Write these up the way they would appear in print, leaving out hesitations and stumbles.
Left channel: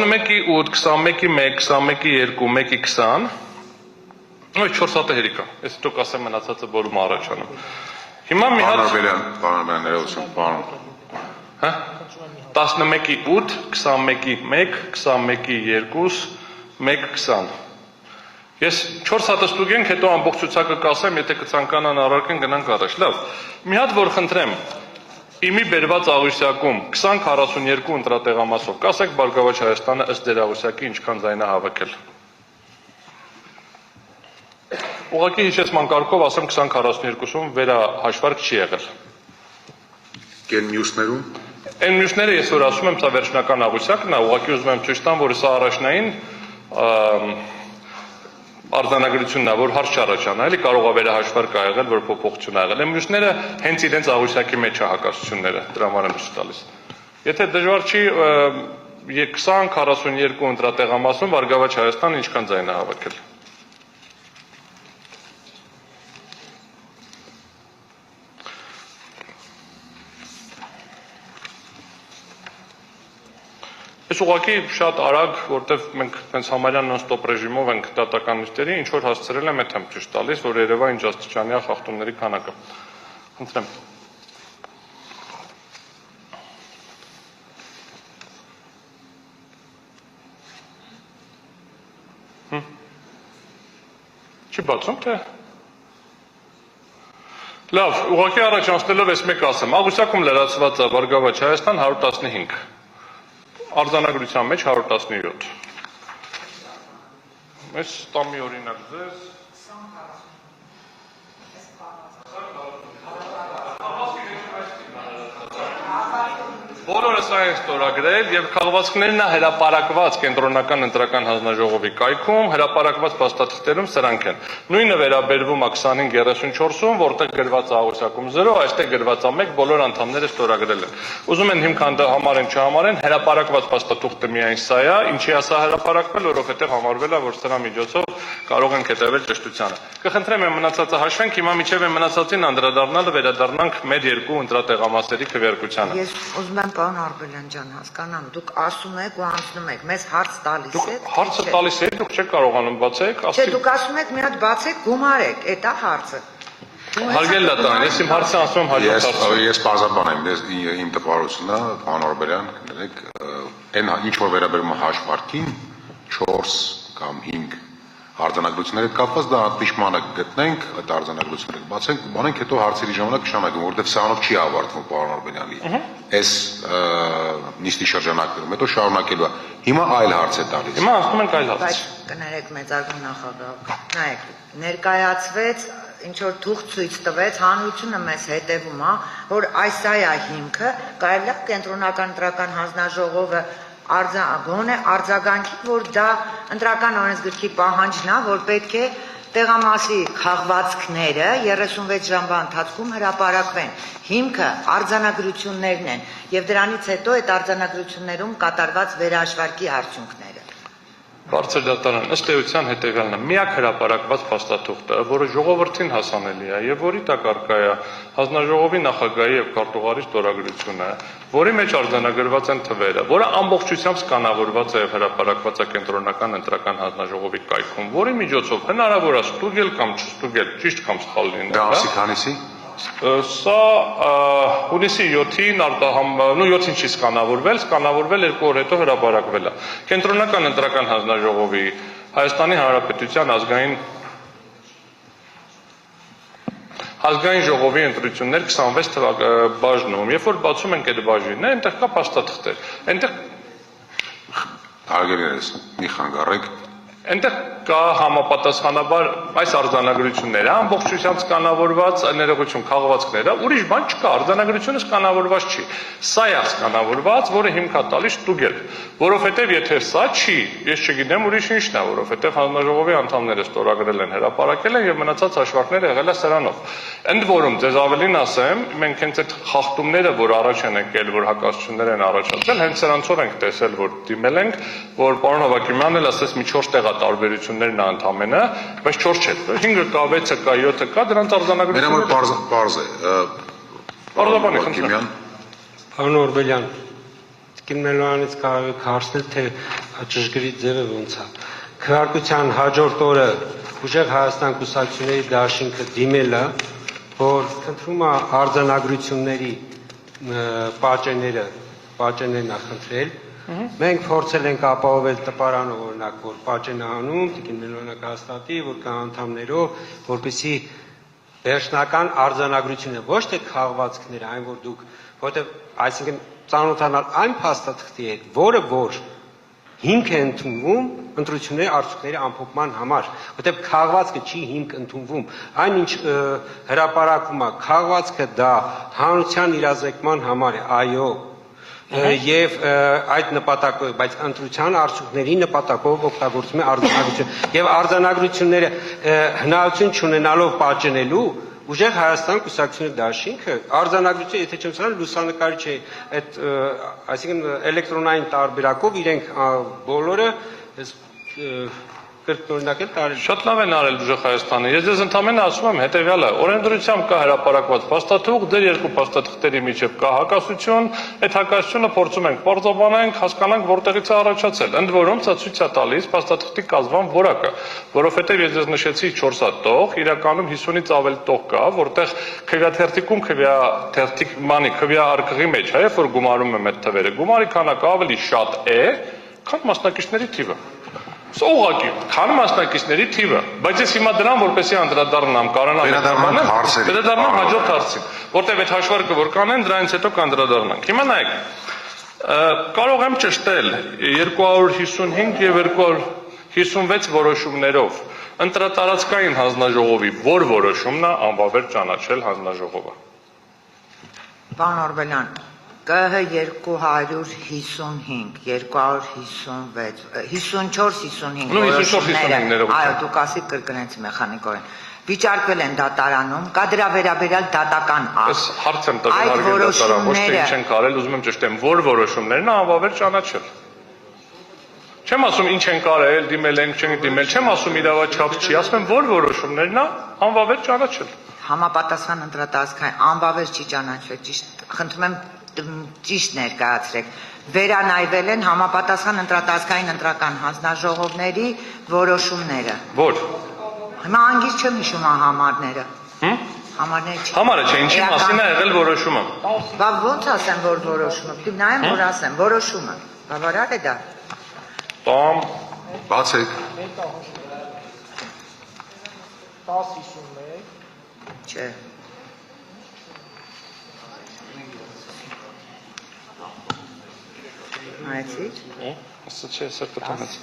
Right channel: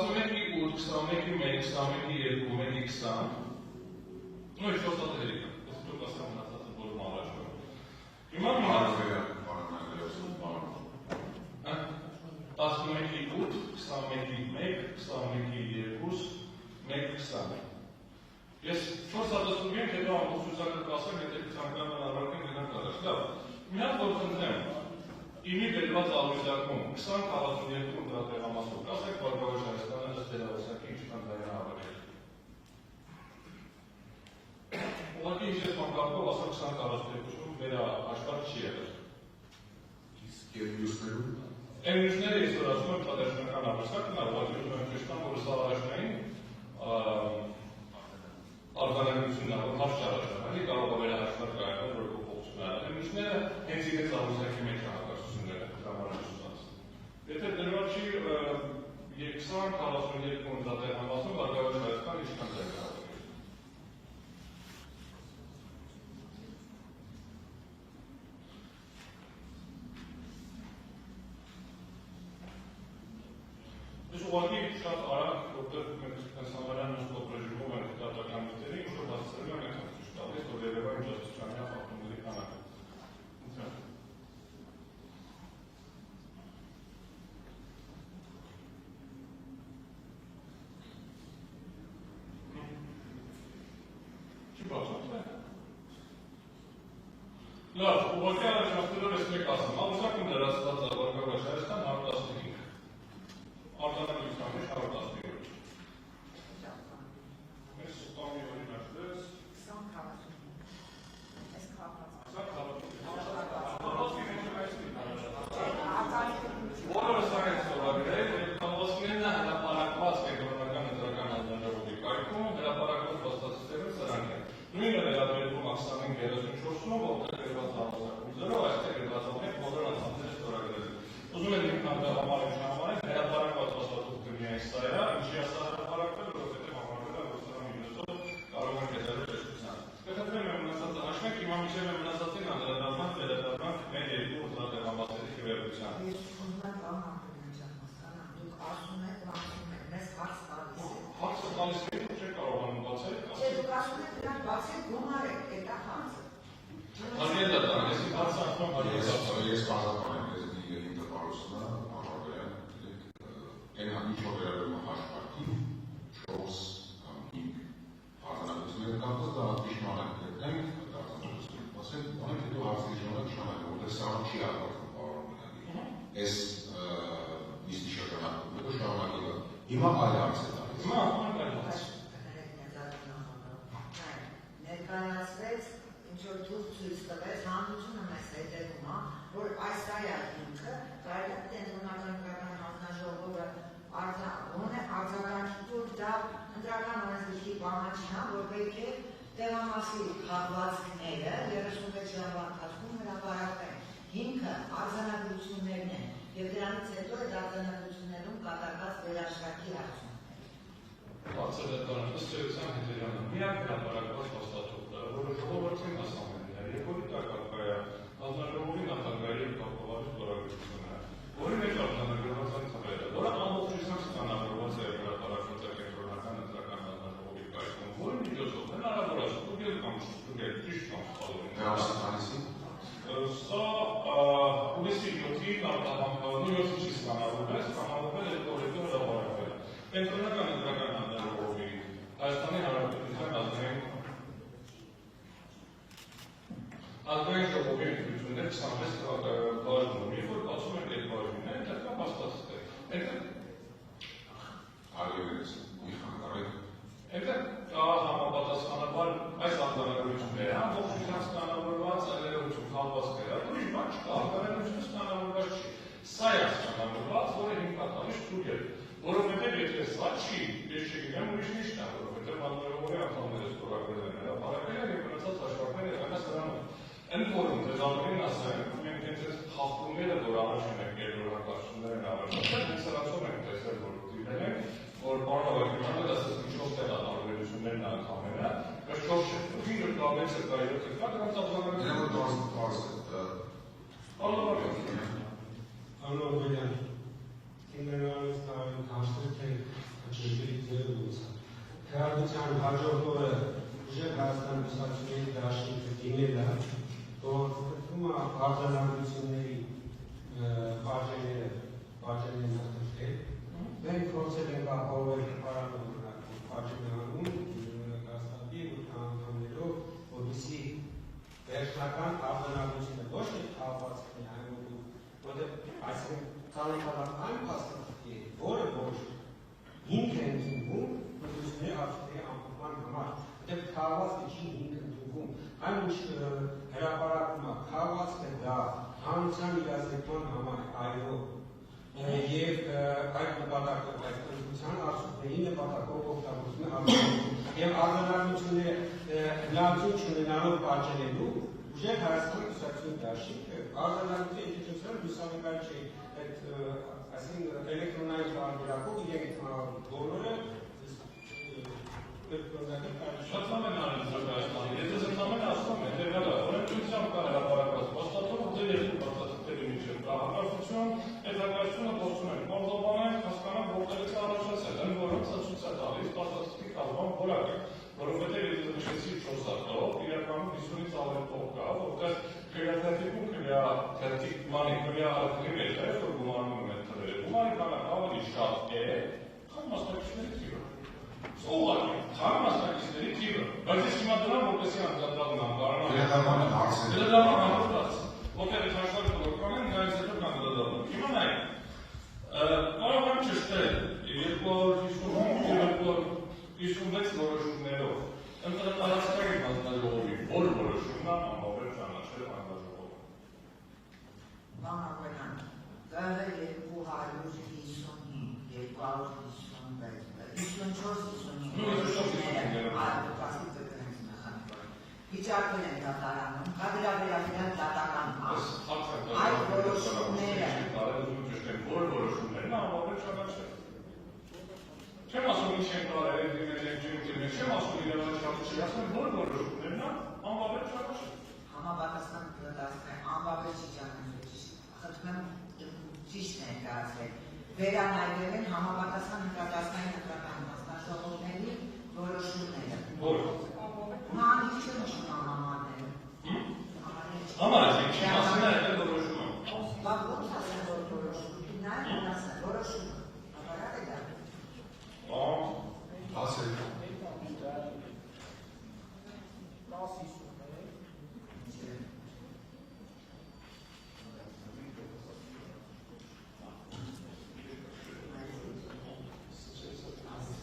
11-ի 8, 21-ի 1, 21-ի 2, 1-ի 20, Ոյ 4 հատը հերիք է, ես դուք ասեմ մնացածը որում առաջանում։ Հիմա մի հատ Պարոն ներողություն, պարոն։ Հա? 11-ի 8, 21-ի 1, 21-ի 2, 1-20։ Ես 4 հատը ստուգենք, հետո ամբողջ ցուցակը կասեմ, եթե կցանկանան առարկեն գնանք առաջ։ Լավ։ Մի հատ որ խնդրեմ, իմի բերված աղյուսակում 20-42 ընտրատեղամասով, կասեք Բարգավաճ Հայաստանը ըստ դեր աղյուսակի ինչքան ձայն է հավաքել։ Ուղղակի հիշեցման կարգով ասեմ 20-42-ում վերահաշվարկ չի եղել։ Կեն մյուսներում։ Այն մյուսները ես որ ասում եմ, սա վերջնական աղյուսակն է, ուղղակի ուզում եմ ցույց տամ, որ սա առաջնային արձանագրությունն է, որ հարց չառաջանա, էլի կարող է վերահաշվարկ ա եղել, որ փոփոխություն ա եղել։ Այն մյուսները հենց իրենց աղյուսակի մեջ է հակասությունները, դրա համար եմ ցույց տալիս։ Եթե դժվար չի 20-42 ընտրատեղամասում Բարգավաճ Հայաստանը ինչքան ձայն է հավաքել։ Ես ուղղակի շատ արագ, որտեվ մենք հենց համարյա նոն-ստոպ ռեժիմով ենք դատական նիստերի, ինչ որ հասցրել եմ, այդ եմ ճիշտ տալիս, որ երևա ինչ աստիճանի է խախտումների քանակը։ Խնդրեմ։ Չի բացում, թե։ Լավ, ուղղակի առաջանցնելով ես մեկ ասեմ, աղյուսակում լրացված է Բարգավաճ Հայաստան 115։ Արձանագրության մեջ 117։ Ես տամի օրինակ ձեզ։ Բոլորը սա են ստորագրել եւ քաղվածքներն հրապարակված կենտրոնական ընտրական հանձնաժողովի կայքում, հրապարակված փաստաթղթերում սրանք են։ Նույնը վերաբերվում է 25-34-ում, որտեղ գրված է աղյուսակում 0, այստեղ գրված է 1, բոլոր անդամները ստորագրել են։ Ուզում են հիմքան դա համարեն, չհամարեն, հրապարակված փաստաթուղթը միայն սա է, ինչի է սա հրապարակվել, որովհետեւ համարվել է, որ սրա միջոցով կարող ենք հետևել ճշտությանը։ Կխնդրեմ եմ մնացածը հաշվենք, հիմա միջև եմ մնացածին անդրադառնալը վերադառնանք մեր երկու ընտրատեղամասերի քվեարկությանը։ Ես ուզում եմ պարոն Արբելյան ջան հասկանամ, դուք ասում եք ու անցնում եք, մեզ հարց տալիս եք։ Հարցը տալիս եք, դուք չեք կարողանում բացեք, Չէ, դուք ասում եք մի հատ բացեք, գումարեք, այդ է հարցը։ Հարգել դատան, ես իմ հարցը ասում եմ հաջորդ հարցը։ Ես բազաբան եմ, իմ տպարությունն է, պարոն Արբելյան, կներեք, այն ինչ որ վերաբերում է հաշվարկին 4 կամ 5 արձանագրությունների հետ կապված դա ճշմարտ գտնենք, այդ արձանագրությունները բացենք, բանենք հետո հարցերի ժամանակ կշանակենք, որովհետև սրանով չի ավարտվում պարոն Արբելյանի այս նիստի շրջանակներում, հետո շարունակելու է։ Հիմա այլ հարց է տալիս։ Հիմա ասում ենք այլ հարց։ Բայց կներեք մեծարգուն նախագահ, նայեք, ներկայացվեց, ինչ որ թուղթ ցույց տվեց, հանրությունը մեզ հետևում է, որ այս է հիմքը, կարելի է կենտրոնական ընտրական հանձնաժողովը գոնե արձագանքի, որ դա ընտրական օրենսգրքի պահանջն է, որ պետք է տեղամասի քաղվածքները 36 ժամվա ընթացքում հրապարակվեն։ Հիմքը արձանագրություններն են եւ դրանից հետո այդ արձանագրություններում կատարված վերահաշվարկի արդյունքները։ Բարձր դատարան ըստ էության հետևյալն է, միակ հրապարակված փաստաթուղթը, որը ժողովրդին հասանելի է եւ որի տակ առկա է հանձնաժողովի նախագահի եւ քարտուղարի ստորագրությունը, որի մեջ արձանագրված են թվերը, որը ամբողջությամբ սկանավորված է եւ հրապարակված է կենտրոնական ընտրական հանձնաժողովի կայքում, որի միջոցով հնարավոր է ստուգել կամ չստուգել, ճիշտ կամ սխալ լինել։ Դա ամսի քանիսի։ Սա հունիսի 7-ին 7-ին չի սկանավորվել 2 օր հետո հրապարակվել է։ Կենտրոնական ընտրական հանձնաժողովի Հայաստանի Հանրապետության ազգային ժողովի ընտրություններ 26 բաժնում, երբ որ բացում ենք այդ բաժինը, այնտեղ կա փաստաթղթեր։ Այնտեղ Հարգելիներս, մի խանգարեք։ Այնտեղ կա համապատասխանաբար այս արձանագրությունները, ամբողջությամբ սկանավորված ներողություն քաղվածքները, ուրիշ բան չկա, արձանագրությունը սկանավորված չի։ Սա է սկանավորված, որը հիմք է տալիս ստուգել, որովհետև եթե սա չի, ես չգիտեմ ուրիշ ինչն է, որովհետև հանձնաժողովի անդամները ստորագրել են, հրապարակել են եւ մնացած հաշվարկները եղել է սրանով։ Ընդ որում, ձեզ ավելին ասեմ, մենք հենց այդ խախտումները, որ առաջ են եկել, որ հակասություններ են առաջացել, հենց սրանցով ենք տեսել, որ դիմել ենք, որ պարոն Հավակիմյանն էլ ասես մի 4 տեղ տարբերություններն ընդամենը, բայց 4 չէ, 5-ը կա, 6-ը կա, 7-ը կա, դրանց արձանագրությունները։ Մենամոր պարզ է։ Պարզաբանի խնդրեմ։ Պարոն Օրբելյան, Տիկին Մելոյանից կարող եք հարցնել, թե ճշգրիտ ձևը ոնց է։ Քվեարկության հաջորդ օրը Ուժեղ Հայաստան կուսակցությունների դաշինքը դիմել է, որ խնդրում է արձանագրությունների պատճեններն է խնդրել։ Մենք փորձել ենք ապահովել տպարանը, օրինակ, որ պատճեն է անում, Տիկին Մելոյանը կհաստատի, որ կա անդամներով, որպեսզի վերջնական արձանագրությունը, ոչ թե քաղվածքները, այն որ դուք, որտեղ այսինքն ծանոթանալ այն փաստաթղթի հետ, որը որ հիմք է ընդունվում ընտրությունների արդյունքների ամփոփման համար, որտեղ քաղվածքը չի հիմք ընդունվում, այնինչ հրապարակում է, քաղվածքը դա հանրության իրազեկման համար է, այո, եւ այդ նպատակով, բայց ընտրության արդյունքների նպատակով օգտագործում է արձանագրություն եւ արձանագրությունները հնարավորություն չունենալով պատճենելու Ուժեղ Հայաստան կուսակցությունների դաշինքը արձանագրություն, եթե չեմ սխալվում, լուսանկարիչ է այդ, այսինքն էլեկտրոնային տարբերակով իրենք բոլորը կրկնօրինակել տարել։ Շատ լավ են արել Ուժեղ Հայաստանը։ Ես ձեզ ընդամենը ասում եմ հետևյալը, օրենսդրությամբ կա հրապարակված փաստաթուղթ, դեր երկու փաստաթղթերի միջև կա հակասություն, այդ հակասությունը փորձում ենք պարզաբանենք, հասկանանք որտեղից է առաջացել։ Ընդ որում սա ցույց է տալիս փաստաթղթի կազմման որակը, որովհետև ես ձեզ նշեցի 4 հատ տող, իրականում 50-ից ավել տող կա, որտեղ քվեաթերթիկում քվեա արկղի մեջ է, որ գումարում եմ այդ թվերը։ Գումարի քանակը ավելի շատ է, քան մասնակիցների թիվը։ Սա ուղղակի, քան մասնակիցների թիվը, բայց ես հիմա դրան որպեսի անդրադառնամ, Վերադառնանք հարցերին։ վերադառնամ հաջորդ հարցին, որտեղ այդ հաշվարկը որ կանեն, դրանից հետո կանդրադառնանք։ Հիմա նայեք, կարող եմ ճշտել 255 եւ 256 որոշումներով ընտրատարածքային հանձնաժողովի որ որոշումն է անվավեր ճանաչել հանձնաժողովը։ Պարոն Օրբելյան, ԿՀ 255, 256, 54-55 որոշումները, այո, դուք ասիք կրկնեցի մեխանիկորեն, վիճարկվել են դատարանում, կա դրա վերաբերյալ դատական Ես հարց եմ տվել հարգել դատարան, ոչ թե ինչ ենք արել, ուզում եմ ճշտեմ, որ որոշումներն անվավեր ճանաչել։ Չեմ ասում ինչ ենք արել, դիմել ենք, չենք դիմել, չեմ ասում իրավաչափ չի, ասում եմ որ որոշումներն անվավեր ճանաչել։ Համապատասխան ընտրատարածքային անվավեր չի ճանաչվել, ճիշտ, խնդրում եմ ճիշտ ներկայացրեք, վերանայվել են համապատասխան ընտրատարածքային ընտրական հանձնաժողովների որոշումները։ Որ։ Հիմա անգից չեմ հիշում համարները։ Համարները չի։ Համարը չէ, ինչի մասին է եղել որոշումը։ Բա ոնց ասեմ, որ որոշումը, պիտի նայեմ, որ ասեմ, որոշումը։ Բավարար է դա։ Տամ։ Բացեք։ 10-51 Չէ։ Նայեցի՞ք։ Ասա չէ, սա կտանեց։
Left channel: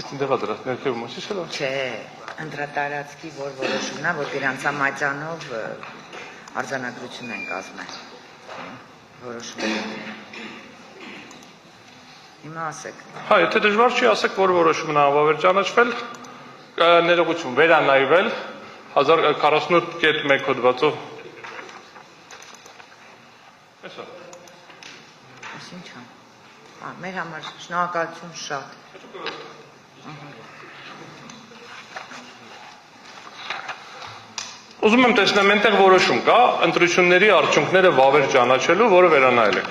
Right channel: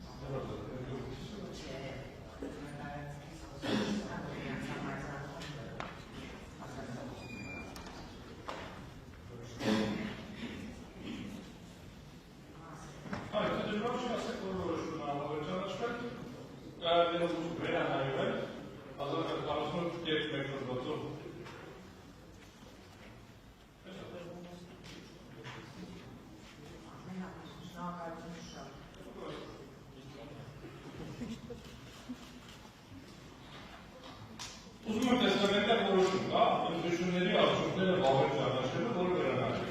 Իսկ դեղա դրա, ներքևում ոչի չէ։ Չէ, ընտրատարածքի որ որոշումն է, որ գրանցամայցանով արձանագրություն են կազմել։ Որոշում։ Հիմա ասեք։ Հա, եթե դժվար չի, ասեք, որ որոշումն է անվավեր ճանաչվել, ներողություն, վերանայվել 1048.1 հոդվածով։ Այսա։ Ինչ է։ Մեր համար շնորհակալություն շատ։ Ուզում եմ տեսնեմ, այնտեղ որոշում կա, ընտրությունների արդյունքները վավեր ճանաչելու, որը վերանայել եք։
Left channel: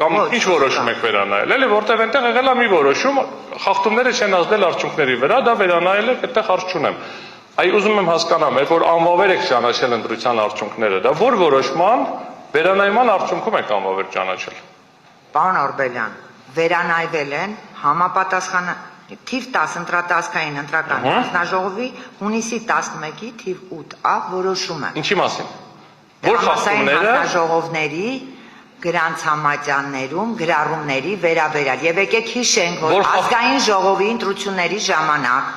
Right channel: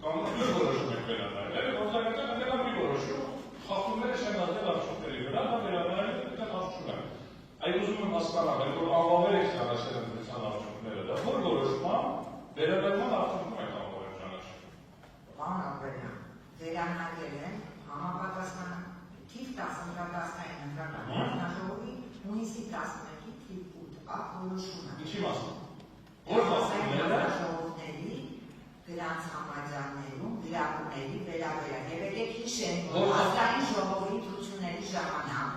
Կամ ինչ որոշում եք վերանայել, էլի, որտեղ այնտեղ եղել է մի որոշում, խախտումները չեն ազդել արդյունքների վրա, դա վերանայել եք, այդտեղ հարց չունեմ։ Այ ուզում եմ հասկանամ, երբ որ անվավեր եք ճանաչել ընտրության արդյունքները, դա որ որոշման վերանայման արդյունքում եք անվավեր ճանաչել։ Պարոն Օրբելյան, վերանայվել են համապատասխան թիվ 10 ընտրատարածքային ընտրական հանձնաժողովի հունիսի 11-ի թիվ 8-ա որոշումը։ Ինչի մասին։ Որ խախտումները հանձնաժողովների գրանցամատյաններում գրառումների վերաբերյալ եւ եկեք հիշենք, որ ազգային ժողովի ընտրությունների ժամանակ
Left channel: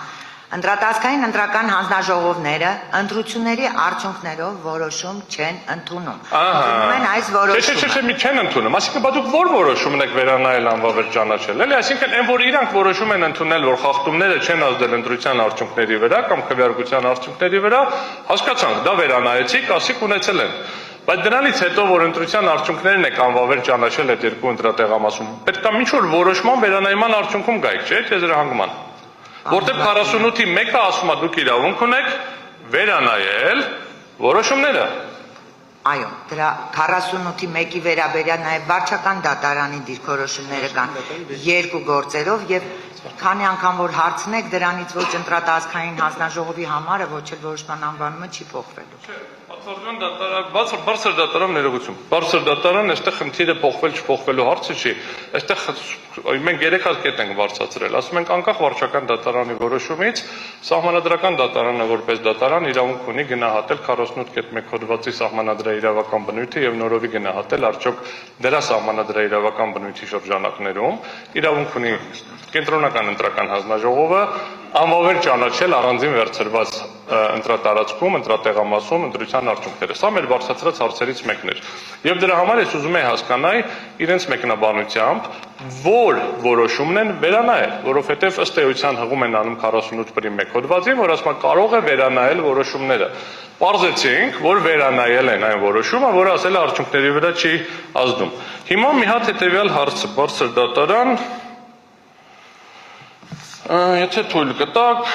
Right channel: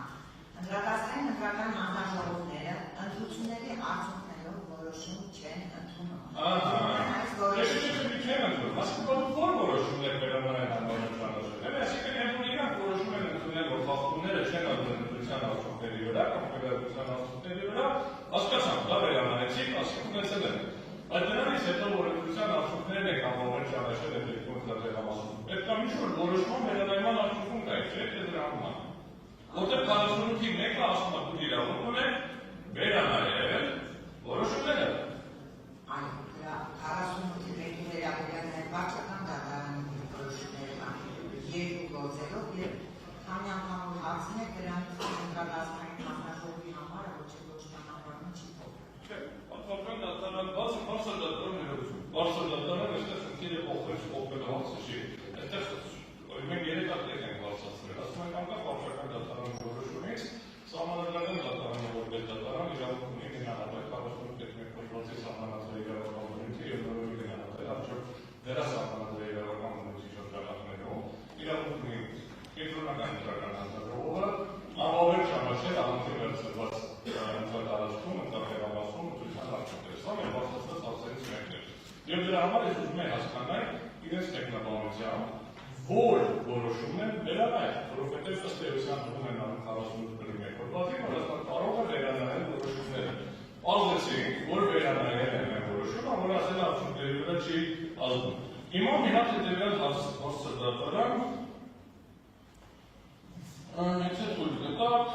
ընտրատարածքային ընտրական հանձնաժողովները ընտրությունների արդյունքներով որոշում չեն ընդունում։ Ընդունում են այս որոշումը։ Չէ, մի չեն ընդունում։ Այսինքն բա դուք որ որոշում եք վերանայել անվավեր ճանաչել, էլի, այսինքն այն որ իրանք որոշում են ընդունել, որ խախտումները չեն ազդել ընտրության արդյունքների վրա կամ քվեարկության արդյունքների վրա, հասկացանք, դա վերանայեցիք, ասիք ունեցել են։ Բայց դրանից հետո որ ընտրության արդյունքներն եք անվավեր ճանաչել այդ երկու ընտրատեղամասում, պետք է ինչ-որ որոշման վերանայման արդյունքում գայք, չէ՞, թե զրահանգման։ Որտեղ 48-ի մեկը ասում է դուք իրավունք ունեք վերանայել որոշումները։ Այո, դրա 48-ի 1-ի վերաբերյալ նաև վարչական դատարանի դիրքորոշումները կան երկու գործերով եւ քանի անգամ որ հարցնեք դրանից ոչ ընտրատարածքային հանձնաժողովի համարը ոչ էլ որոշման անվանումը չի փոխվելու։ Արտադրական դատարան, բարձր դատարան ներողություն։ Բարձր դատարան այստեղ խնդիրը փոխվել չփոխվելու հարցը չի։ Այստեղ մենք 3 հատ կետ ենք բարձրացրել։ Ասում ենք անկախ վարչական դատարանի որոշումից սահմանադրական դատարանը որպես դատարան իրավունք ունի գնահատել 48.1 հոդվածի սահմանադրաիրավական բնույթը եւ նորովի գնահատել արդյոք դրա սահմանադրաիրավական բնույթի շրջանակներում իրավունք ունի կենտրոնական ընտրական հանձնաժողովը ամովեր ճանաչել առանձին վերցրված ընտրատարածքում, ընտրատեղամասում ընտրության արդյունքները։ Սա մեր բարձրացրած հարցերից մեկն էր։ Եվ դրա համար ես ուզում եի հասկանալ իրենց մեկնաբանությամբ, որ որոշումն են վերանայել, որովհետև ըստ էության հղում են անում 48.1 հոդվածին, որ ասում կարող է վերանայել որոշումները։ Պարզեցինք, որ վերանայել են այն որոշումը, որը ասել է արդյունքների վրա չի ազդում։ Հիմա մի հատ հետևյալ հարցը բարձր դատարան, եթե թույլ կտակ,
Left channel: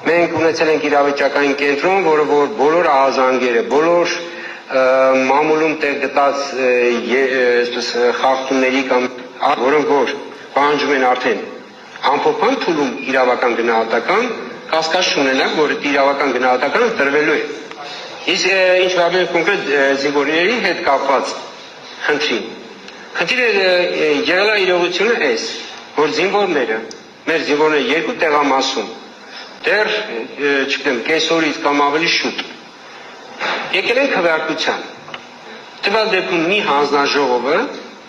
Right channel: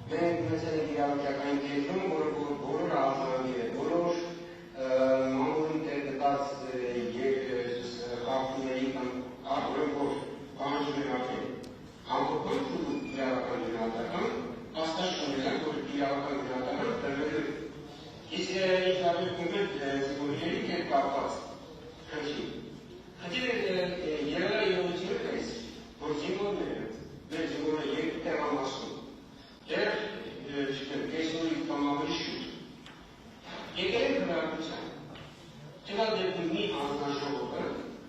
Մենք ունեցել ենք իրավիճակային կենտրոն, որը որ բոլոր ահազանգերը, բոլոր մամուլում տեղ գտած խախտումների կամ որոնք որ պահանջում են արդեն ամփոփան փուլում իրավական գնահատական, կասկած չունենանք, որ իրավական գնահատականը տրվելու է։ Իսկ ինչ վերաբերում է կոնկրետ զինվորների հետ կապված խնդրին։ Խնդիրը եղել է իրողությունը այս, որ զինվորները, մեր զինվորները երկու տեղամասում դեռ, չգիտեմ, կեսօրից կամ ավելի շուտ եկել են քվեարկության։ Տվյալ դեպքում մի հանձնաժողովը,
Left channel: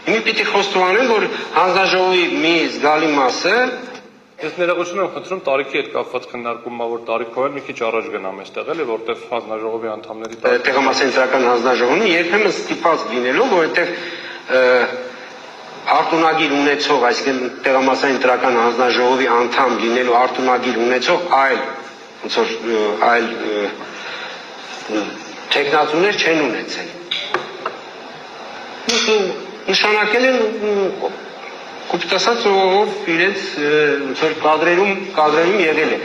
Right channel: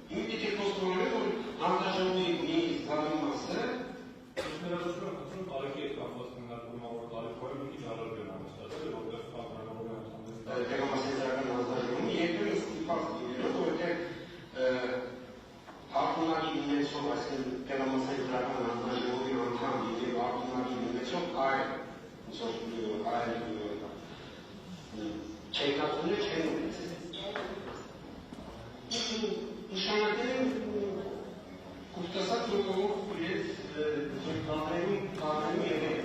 մի պիտի խոստովանեմ, որ հանձնաժողովի մի զգալի մասը Ես ներողություն եմ խնդրում տարիքի հետ կապված քննարկումա, որ տարիքով էլ մի քիչ առաջ գնամ այստեղ էլի, որտեղ հանձնաժողովի անդամների տեղամասային ընտրական հանձնաժողովն երբեմն ստիպված լինելով, որովհետև արտոնագիր ունեցող, այսինքն տեղամասային ընտրական հանձնաժողովի անդամ լինելու արտոնագիր ունեցող այլ տեխնատուներ չեն ունեցել։ Նշանակել են կոպտասած ով իրենց կադրերում եղել է։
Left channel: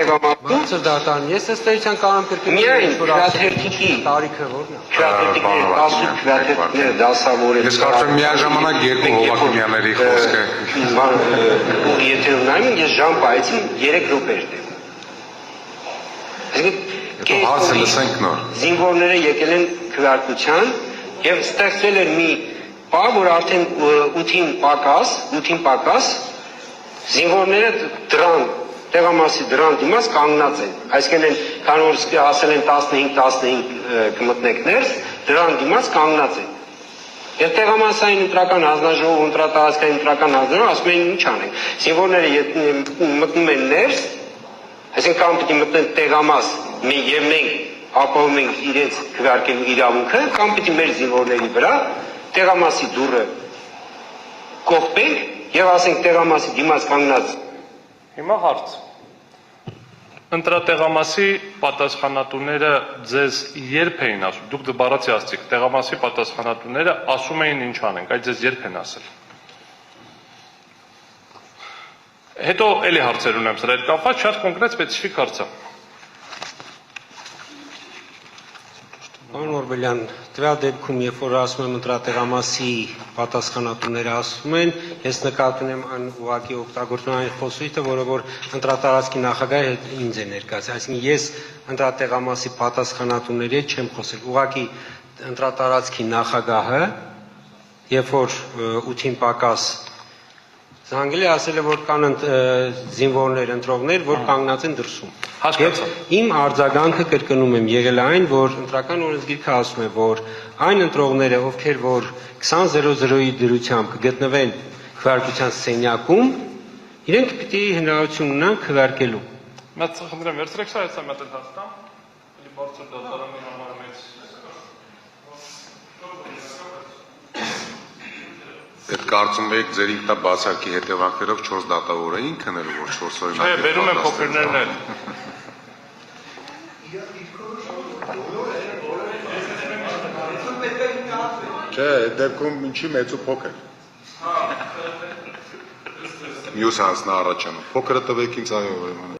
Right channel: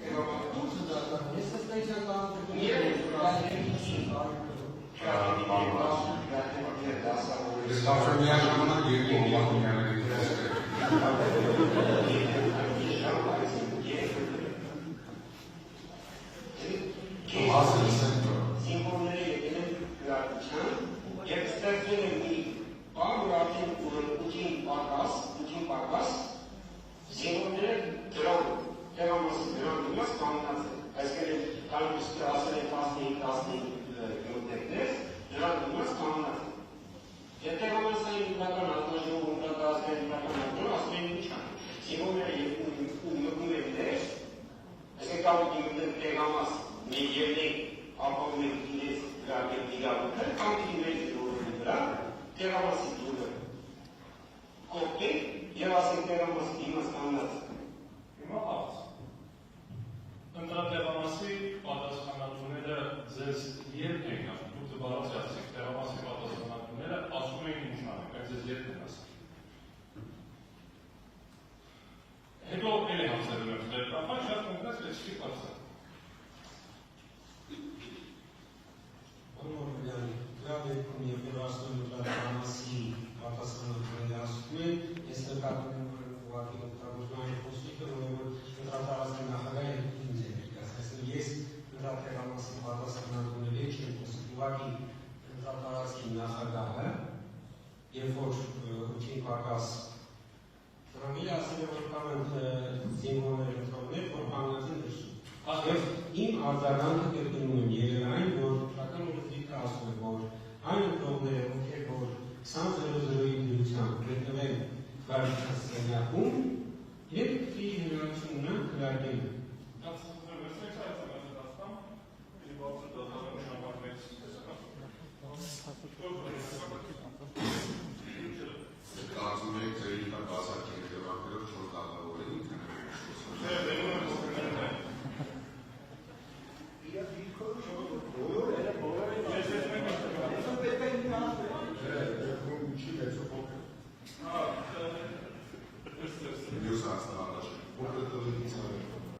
Բարձր դատարան, ես ըստ էության կարող եմ կրկնել միայն քվեաթերթիկի տարիքը որն է։ քվեաթերթիկները, ասու քվեաթերթիկները դասավորել։ Ես կարծում եմ միաժամանակ երկու Հովհաննիսյանների խոսքը։ Եթե նայում ես ժամ պայեցին 3 րոպե էր տևում։ Հարցը լսենք նոր։ Զինվորները եկել են քվեարկության եւ ստեղծվել էր մի բան, որ արդեն 8-ին պակաս զինվորները դրան տեղամասի դրան դիմաց կանգնած են, այսինքն քանի որ ասել են 15 կմտնեք ներս, դրան դիմաց կանգնած են։ Եվ տեղամասային ընտրական հանձնաժողով, ընտրատարածքային ընտրական հանձնաժողով ասում են ինչ անենք։ Զինվորները մտնում են ներս, այսինքն կամ պիտի մտնեն տեղամաս, եւ մենք ապահովում ենք իրենց քվեարկելու իրավունքը, կամ պիտի մեր զինվորների վրա տեղամասի դուռը կողպենք եւ ասենք տեղամասի դիմաց կանգնած Հիմա հարց։ Ընտրատեղամասի պատասխանատուները ձեզ երբ էին ասում, դուք բառացի ասցիք, տեղամասի պատասխանատուները ասում էին ինչ անենք, այդ ձեզ երբ են ասել։ Հետո էլի հարցեր ունեմ սրա հետ կապված, շատ կոնկրետ սպეციფიկ հարց է։ Պարոն Օրբելյան, տվյալ դեպքում, երբ որ ասում եմ ընտրատեղամասի պատասխանատուները ասում են, ես նկատում եմ այն ուղղակի օգտագործում այն խոսույթը, որը որ ընտրատարածքի նախագահը ինձ է ներկայացրել, այսինքն ես ընտրատեղամասի պատասխանատուների հետ չեմ խոսել, ուղղակի ընտրատարածքի նախագահը, երբ որ 8-ին պակաս զանգել է, ասել է, որ կան զինվորներ, ընտրողներ, որ կանգնած են դրսում։ Հասկացա։ Իմ արձագանքը կրկնում եմ եղել այն, որ ընտրական օրենսգիրքը ասում է, որ այն ընտրողները, ովքեր որ 20:00-ի դրությամբ կգտնվեն քվեարկության սենյակում, իրենք պիտի հնարավորություն ունենան քվեարկելու։ Մեծ խնդրեմ, վերցրեք սա, հեսա մեծ հաստամ։ Ի բարձր դատարանի համար մեծ Այդ կարծում եք ձեր ինքնաբացարկի հետևանքներով 4 դատավոր էին քնելու, որ 4 օրինակ։ Չէ, բերում են փոքրներն էլ։ Չէ, այդ դեպքում ինչի մեծ ու փոքր։ մյուս հարցն առաջանում։ Փոքրը տվեք ինձ այո ուրեմն։